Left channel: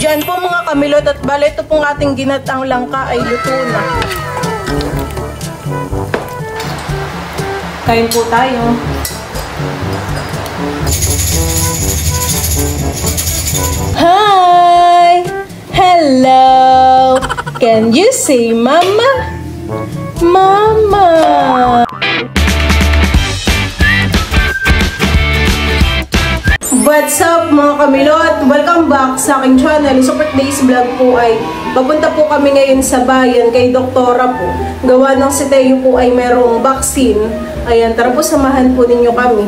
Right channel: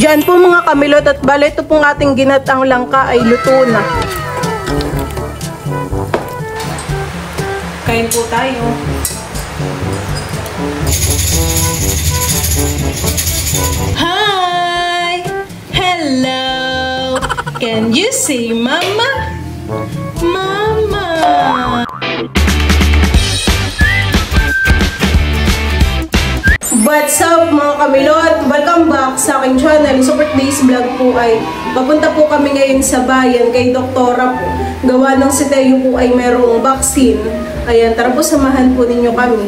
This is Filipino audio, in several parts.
Diyan po mga kamilot at bale ito pong ating ginatang langka ay luto na. Kain po tayo. Hi! Hello! Can you say mama? Mama! What's up mga kamilot? Welcome back sa aking channel. Sa birthday's vlog po ay papunta po kami ngayon sa bayan kay Doktora po. Gawa ng si Teo po ay merong vaccine. Ayan, tara po samahan po ninyo kami.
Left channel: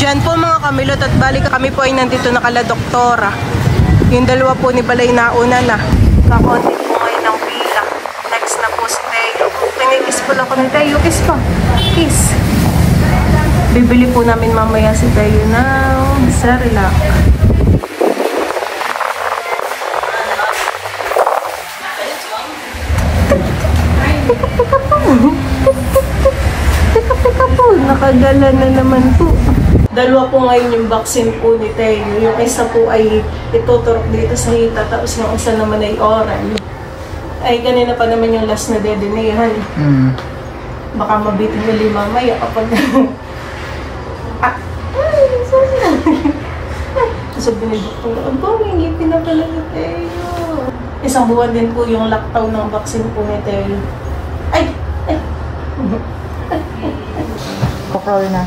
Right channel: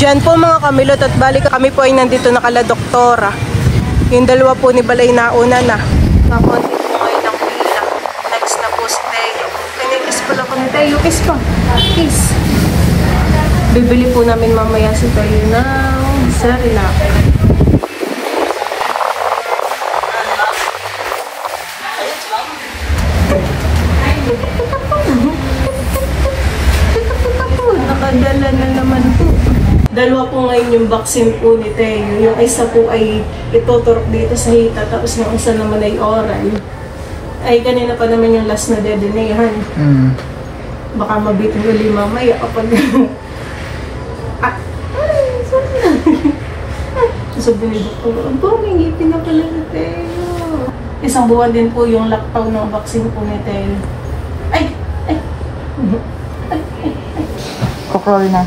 Diyan po mga kamilot at balik kami po ay nandito na kala Doktora. Yung dalawa po ni Balay nauna na. Kakonti po ngayon ng pila. Next na po si Teo. Pinikiss pala ko ni Teo. Kiss pa. Kiss. Bibili po namin mamaya si Teo ng Cerelac. Teka po. Nakagala na naman po. Dalawa po ngayon yung vaccine po ni Teo. Yung isa po ay ituturok dito sa hita, tapos yung isa naman ay oral. Ay, kanina pa naman yung last na dedinehan. Baka mabitin uli mamaya kapag... So, binibok po na, may ngipin na pala ni Teo. Isang buwan din po yung lockdown ng vaccine po ni Teo. Ay! Ay! Pukol na.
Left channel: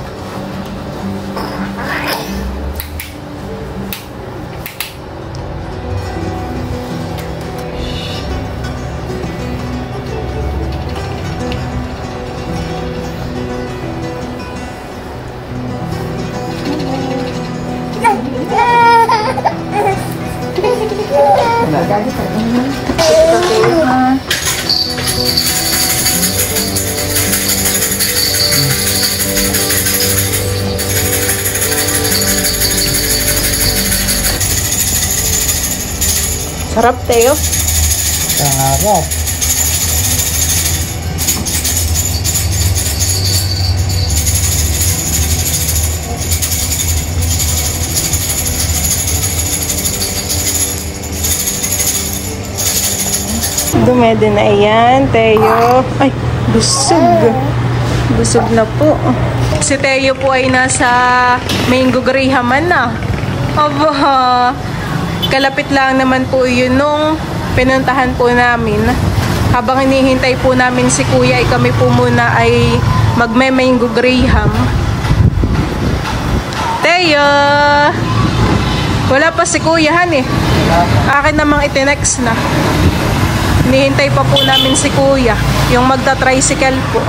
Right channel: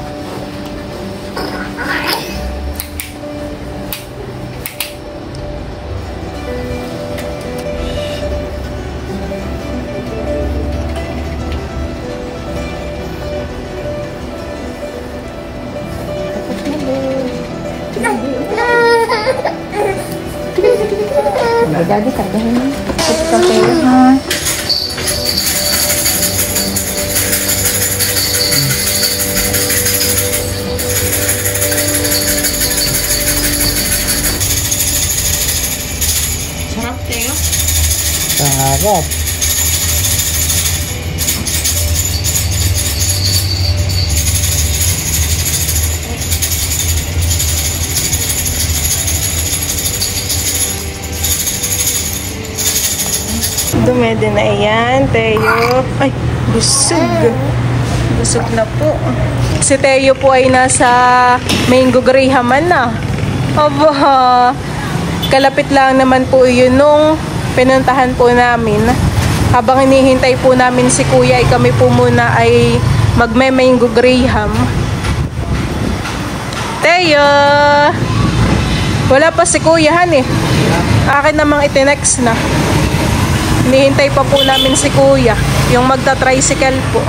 Sarap, Teo. Sarap. Dumede na yan, Teo. Ay, busog. Busog na po. Si Teo po ay nasa Mango Grihaman na. Aba, kalapit lang naman po yun nung pinuntahan po namin. Habang hinihintay po namin si Kuya, ay kami po muna ay magme-Mango Graham. Teo! Wala pa si Kuya, han eh. Akin namang itinext na. Hinihintay pa po namin si Kuya, yung magta-tricycle po.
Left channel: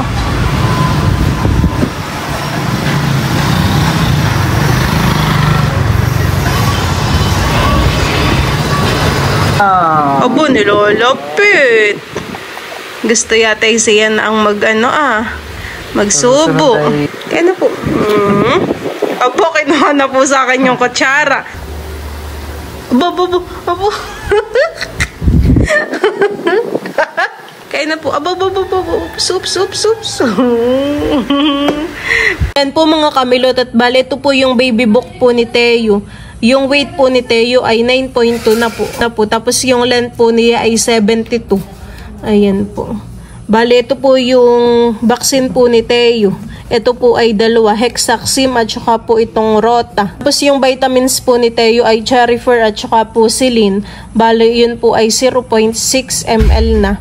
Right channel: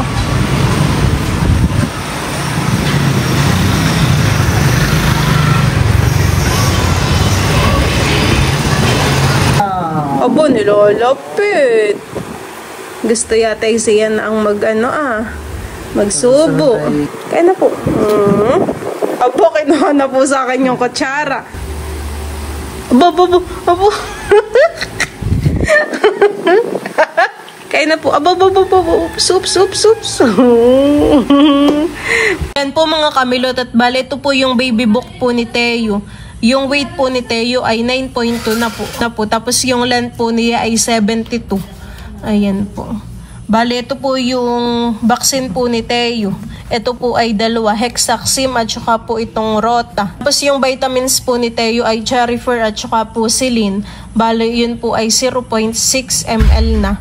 Abo, nilolapit. Gusto yata siyan ang magsubo. Kaya na po. Abo, kinuha na po sa akin yung kutsara. Abo. Kaya na po. Abo. Soup. Yan po mga kamilot at bale, ito po yung baby book po ni Teo. Yung weight po ni Teo ay 9.2 na po. Tapos yung length po niya ay 72. Ayan po. Bale, ito po yung vaccine po ni Teo. Ito po ay dalawa, Hexaxim at saka po itong Rota. Tapos yung vitamins po ni Teo ay Cherifer at saka po Silin. Bale, yun po ay 0.6 ml na.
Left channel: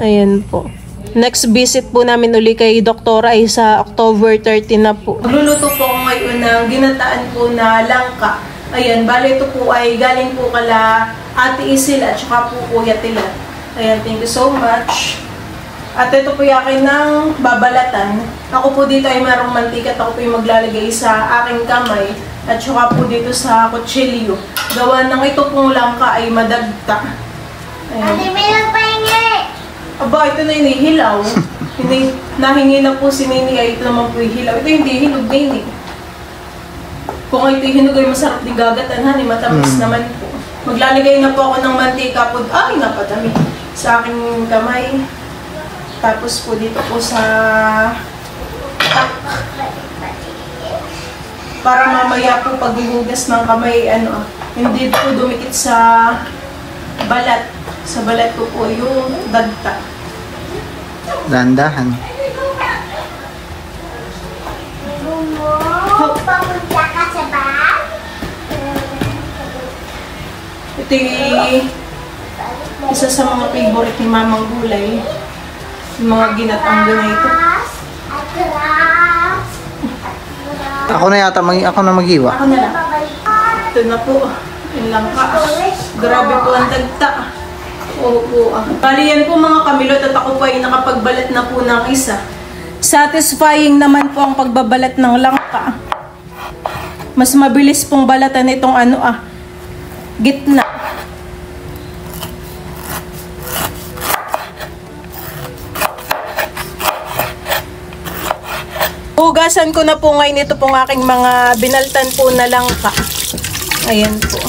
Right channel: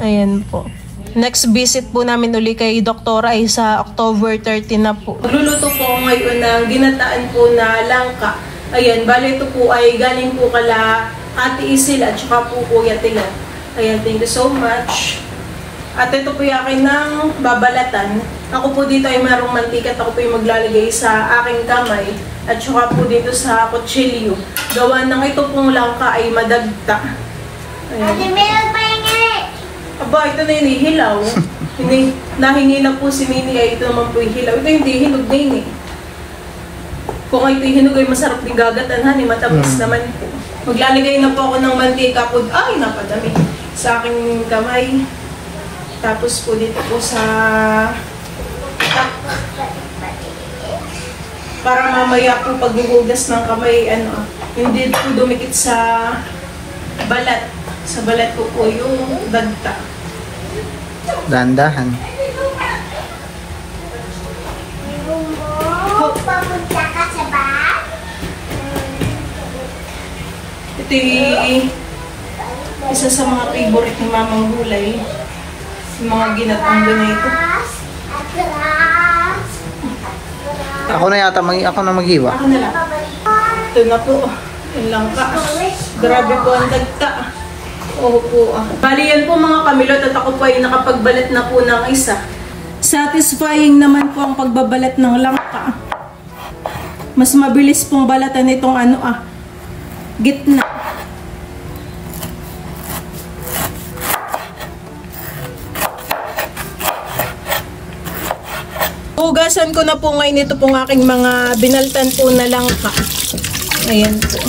Ayan po. Next visit po namin uli kay Doktora ay sa October 30 na po. Magluluto po ako ngayon ng ginataan po na langka. Ayan, bale ito po ay galing po kala Ate Isil at saka po Kuya Tilat. Ayan, thank you so much. At ito po yakin ng babalatan. Ako po dito ay mayroong mantika at ako po yung maglalagay sa aking kamay. At saka po dito sa kutsilyo. Gawa ng ito pong langka ay madagta. Ayan. Aba, ito na yung hilaw. Hindi, nahingi na po si Nini ay ito naman po yung hilaw. Ito hindi hinog na yun eh. Kung ito yung hinog ay masarap di gagatanhan eh, matamis naman po. Maglalagay na po ako ng mantika po. Ay, napadami sa aking kamay. Tapos po dito po sa... para mamaya po pag nihugas ng kamay, ano, hindi po dumikit sa balat. Sa balat po po yung dagta. Dandahan. Papunta ka sa bahay? Ito yung isa sa mga favorite ni Mamang Gulay. Yung mga ginatang na ito. Ako na yata, ako na maghiwa. Ako na lang. Ito na po. Yung langka. Grabe po ang dagta. Oo. Bali yan po mga kamilot at ako po ay nakapagbalat na po ng isa. Satisfying naman po ang pagbabalat ng langka. Mas mabilis pong balatan itong gitna. Hugasan ko na po ngayon ito pong aking mga binaltan po na langka. Ayan po.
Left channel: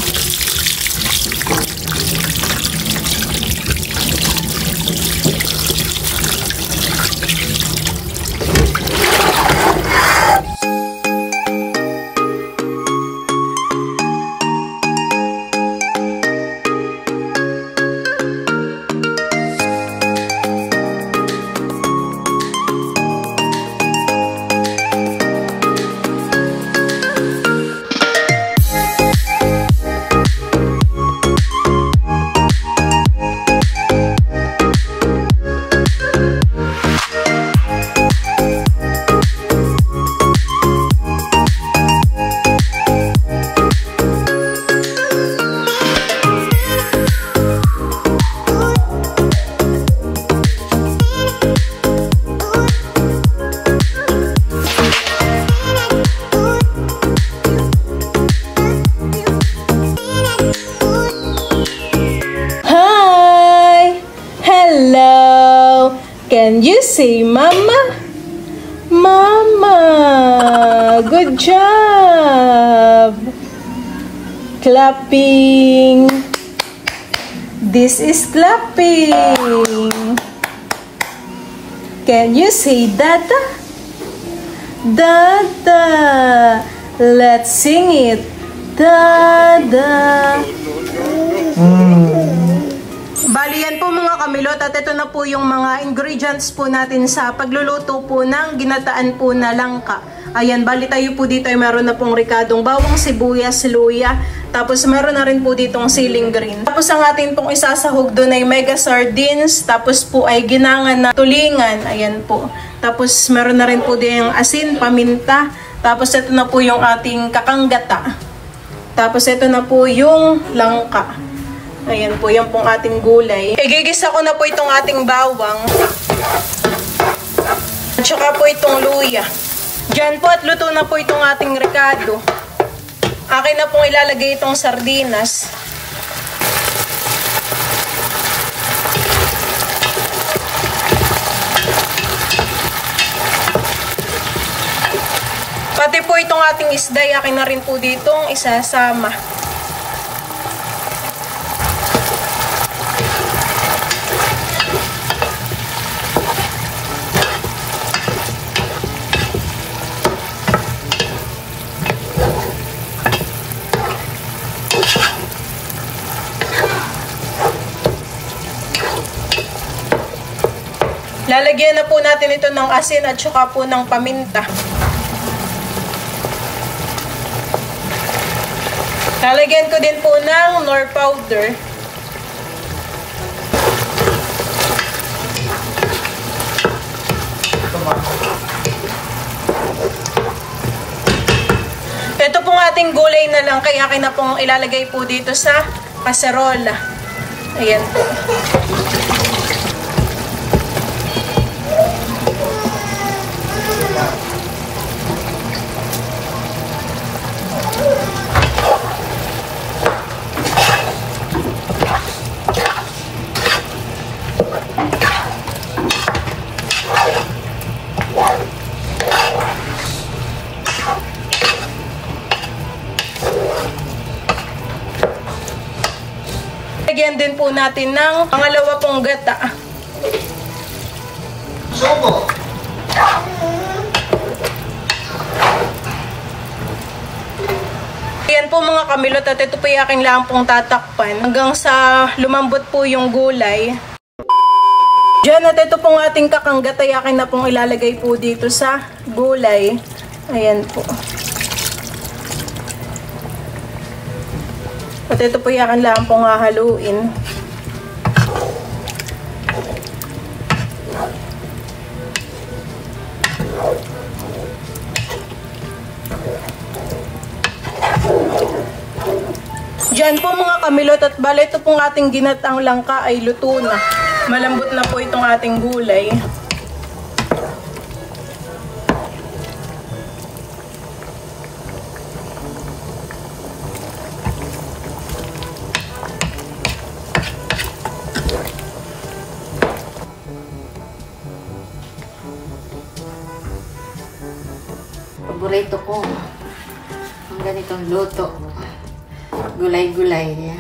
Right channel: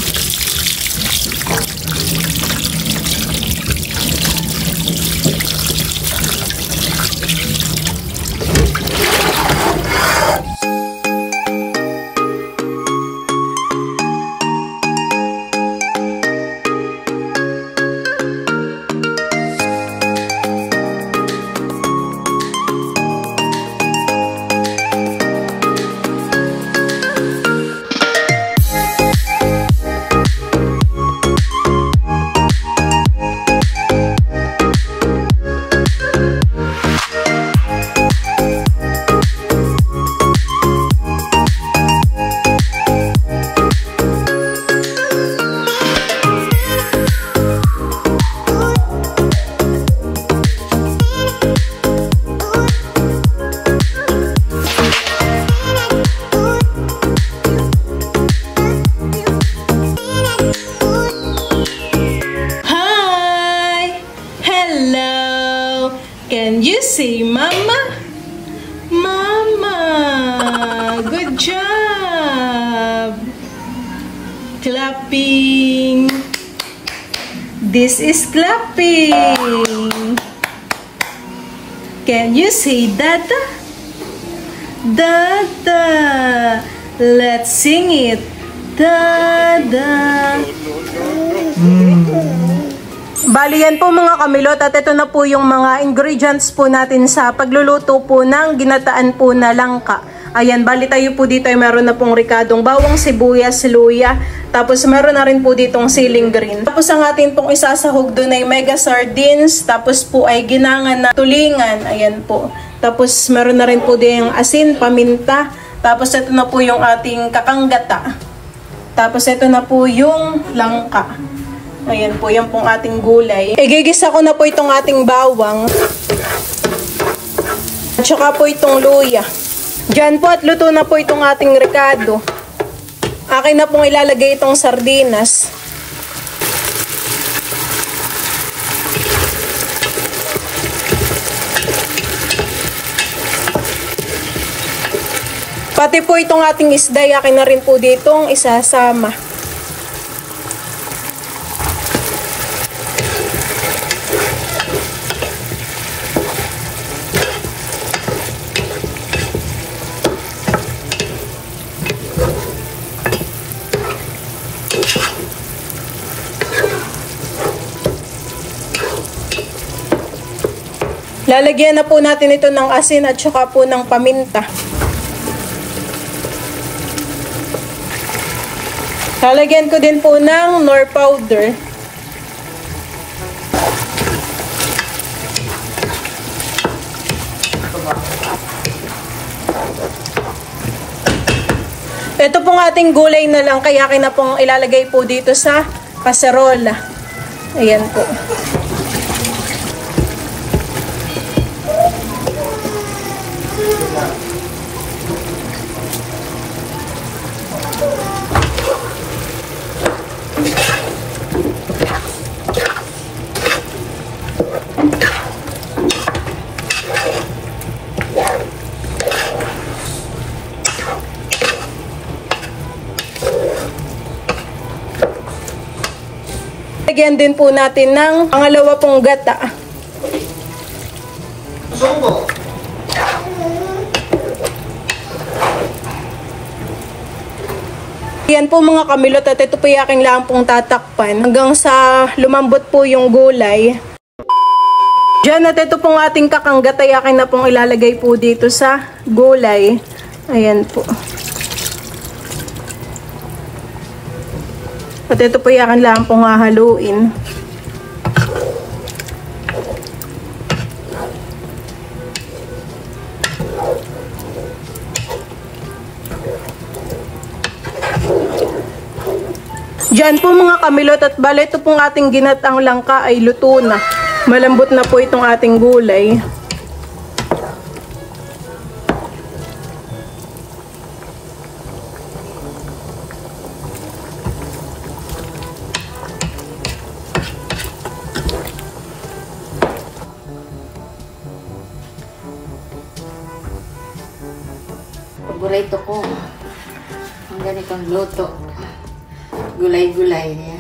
Can you say mama? Mama! Good job! Clapping! This is clapping! Can you say dada? Dada! Let's sing it! Dada! Bali yan po mga kamilot at ito na po yung mga ingredients po natin sa pagluluto po ng ginataan po na langka. Ayan, bali tayo po dito ay meron na pong ricadong bawang, sibuyas, luya. Tapos meron na rin po ditong siling green. Tapos ang atin pong isasahog doon ay mega sardines. Tapos po ay ginangan na tulingan. Ayan po. Tapos meron na rin po din yung asin, paminta. Tapos ito na po yung ating kakanggata. Tapos ito na po yung langka. Ayan po, yan pong ating gulay. Igigisa ko na po itong ating bawang. At saka po itong luya. Diyan po at luto na po itong ating ricado. Akin na pong ilalagay itong sardinas. Pati po itong ating isda, akin na rin po ditong isasama. Lalagyan na po natin ito ng asin at saka po ng paminta. Lalagyan ko din po ng nor powder. Ito pong ating gulay na lang, kaya akin na pong ilalagay po dito sa kaserola. Ayan po. Lagyan din po natin ng pangalawa pong gata. Subo. Yan po mga kamilot at ito po yung aking lang pong tatakpan hanggang sa lumambot po yung gulay. Diyan at ito pong ating kakanggatay akin na pong ilalagay po dito sa gulay. Ayan po. At ito po yung akin lang pong hahaluin. Diyan po mga kamilot at bale ito pong ating ginatang langka ay luto na. Malambot na po itong ating gulay. Paborito ko ang ganitong luto. Gulay-gulay niya.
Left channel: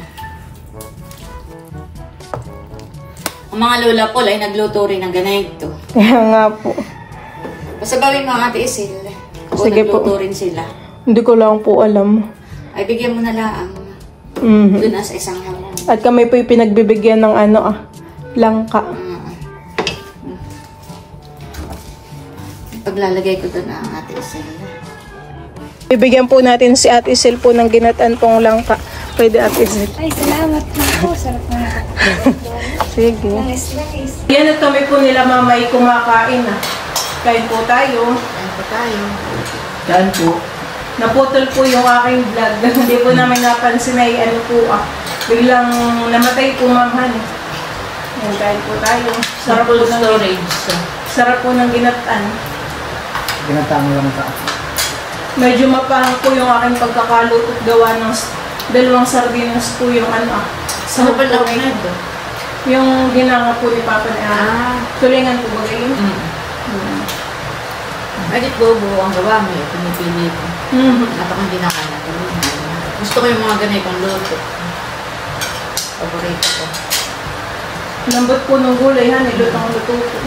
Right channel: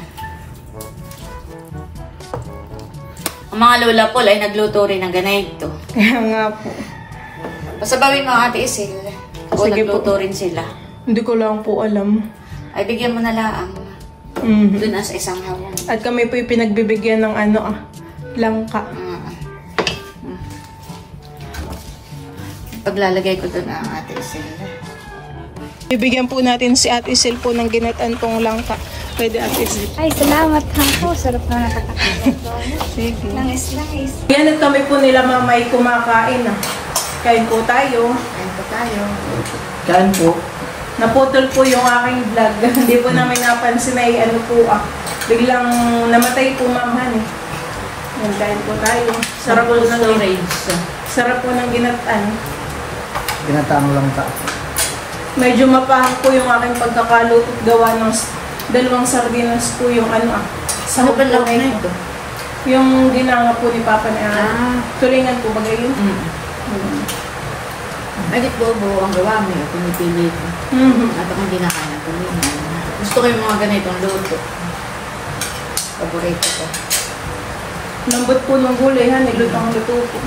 Ang mga lola po ay nagluto rin ng ganito. Kaya nga po. Pasabawin mo Ate Isil. O Sige nagluto po. rin sila. Hindi ko lang po alam. Ay bigyan mo na lang. Mhm. Doon sa isang hawang. At kami po yung pinagbibigyan ng langka. Paglalagay ko doon ang Ate Isil. Bibigyan po natin si Ate Isel po ng ginatan pong langka. Pwede Ate Isel. Ay, salamat na po. Sarap na. Sige. Nice. Yan at kami po nila mamay kumakain na. Kain po tayo. Ayan po tayo. Yan po. Naputol po yung aking vlog. Hindi po namin napansin ay ano po biglang namatay po mamahan eh. Yan, kain po tayo. Sarap po ng storage. Sarap po ng ginatan. Ginatang lang ka. Medyo mapahang po yung aking pagkakaluto at gawa ng dalawang sardinas po yung sa Ano ba hukbo loob na na ito. ito? Yung ginanga po ni Papa na tulingan po bagay yun. Bakit buo-buo ang gawa mo? Pinipili ko. Napakang dinakana ko. Gusto ko yung mga ganitong luto. Paborito ko. Lambot po ng gulay ha, nilutang luto po.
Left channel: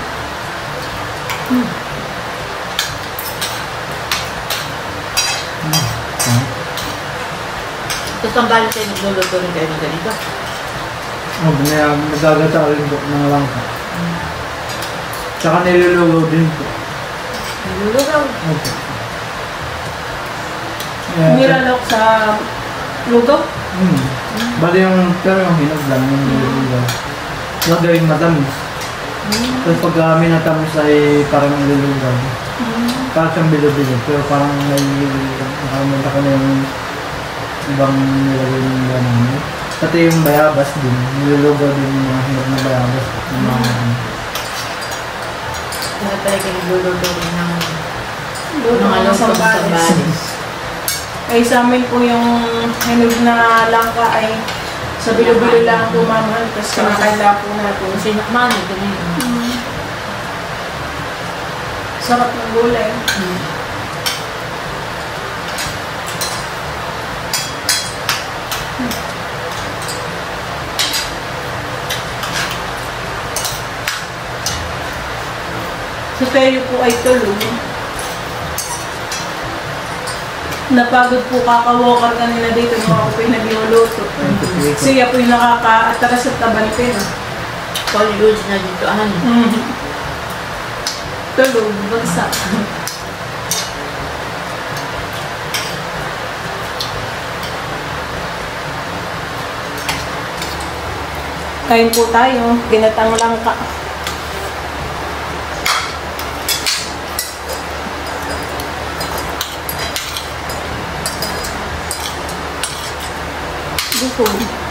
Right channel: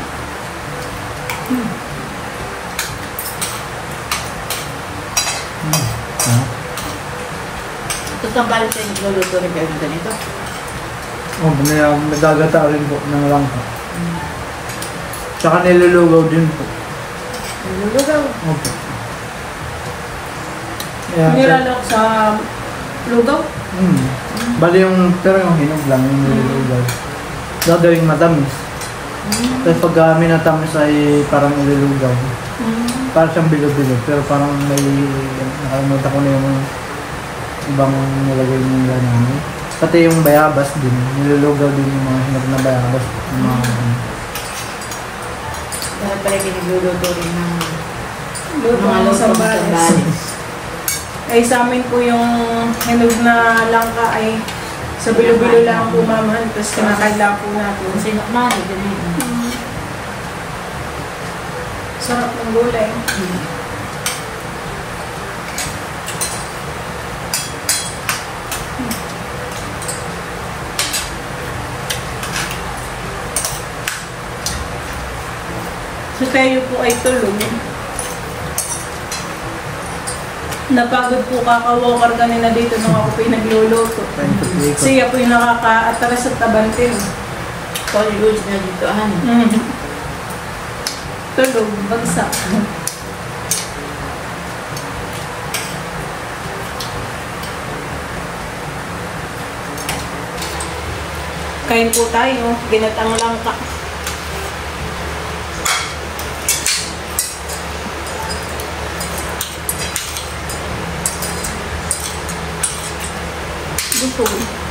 Tapos ang balik tayo nagluluto rin kayo ng ganito. Oh, nagagatawin po ng langka. Tsaka nilulugaw din po. Nilulugaw. Okay. Yeah, Nilalok sa lugaw. Bali pero yung hinog lang yung nilulugaw. Gagawin matamis. Tapos pagka minatamis ay parang nilulugaw. Parang siyang bilo-bilo, pero parang may nakalimutan ko na yung ibang nilagay nila namin. Pati yung bayabas din, nilulugaw din yung mga hinog na bayabas. Yung mga Dahil pala kayo nagluluto rin ng Luto mga ng luto ng sambales. sambales. Ay sa amin po yung hinog na langka ay sa bilo-bilo lang po mamahan. Tapos kinakaila po natin. Kasi nakmano, ganyan. Sarap ng gulay. So tayo po ay tulog. Napagod po kaka-walker kanina dito nung ako po yung nagluluto. Siya po yung nakaka-atras at tabante. Polyroots na dito, Tulog, bagsak. Kain po tayo, ginatang langka. Gusto.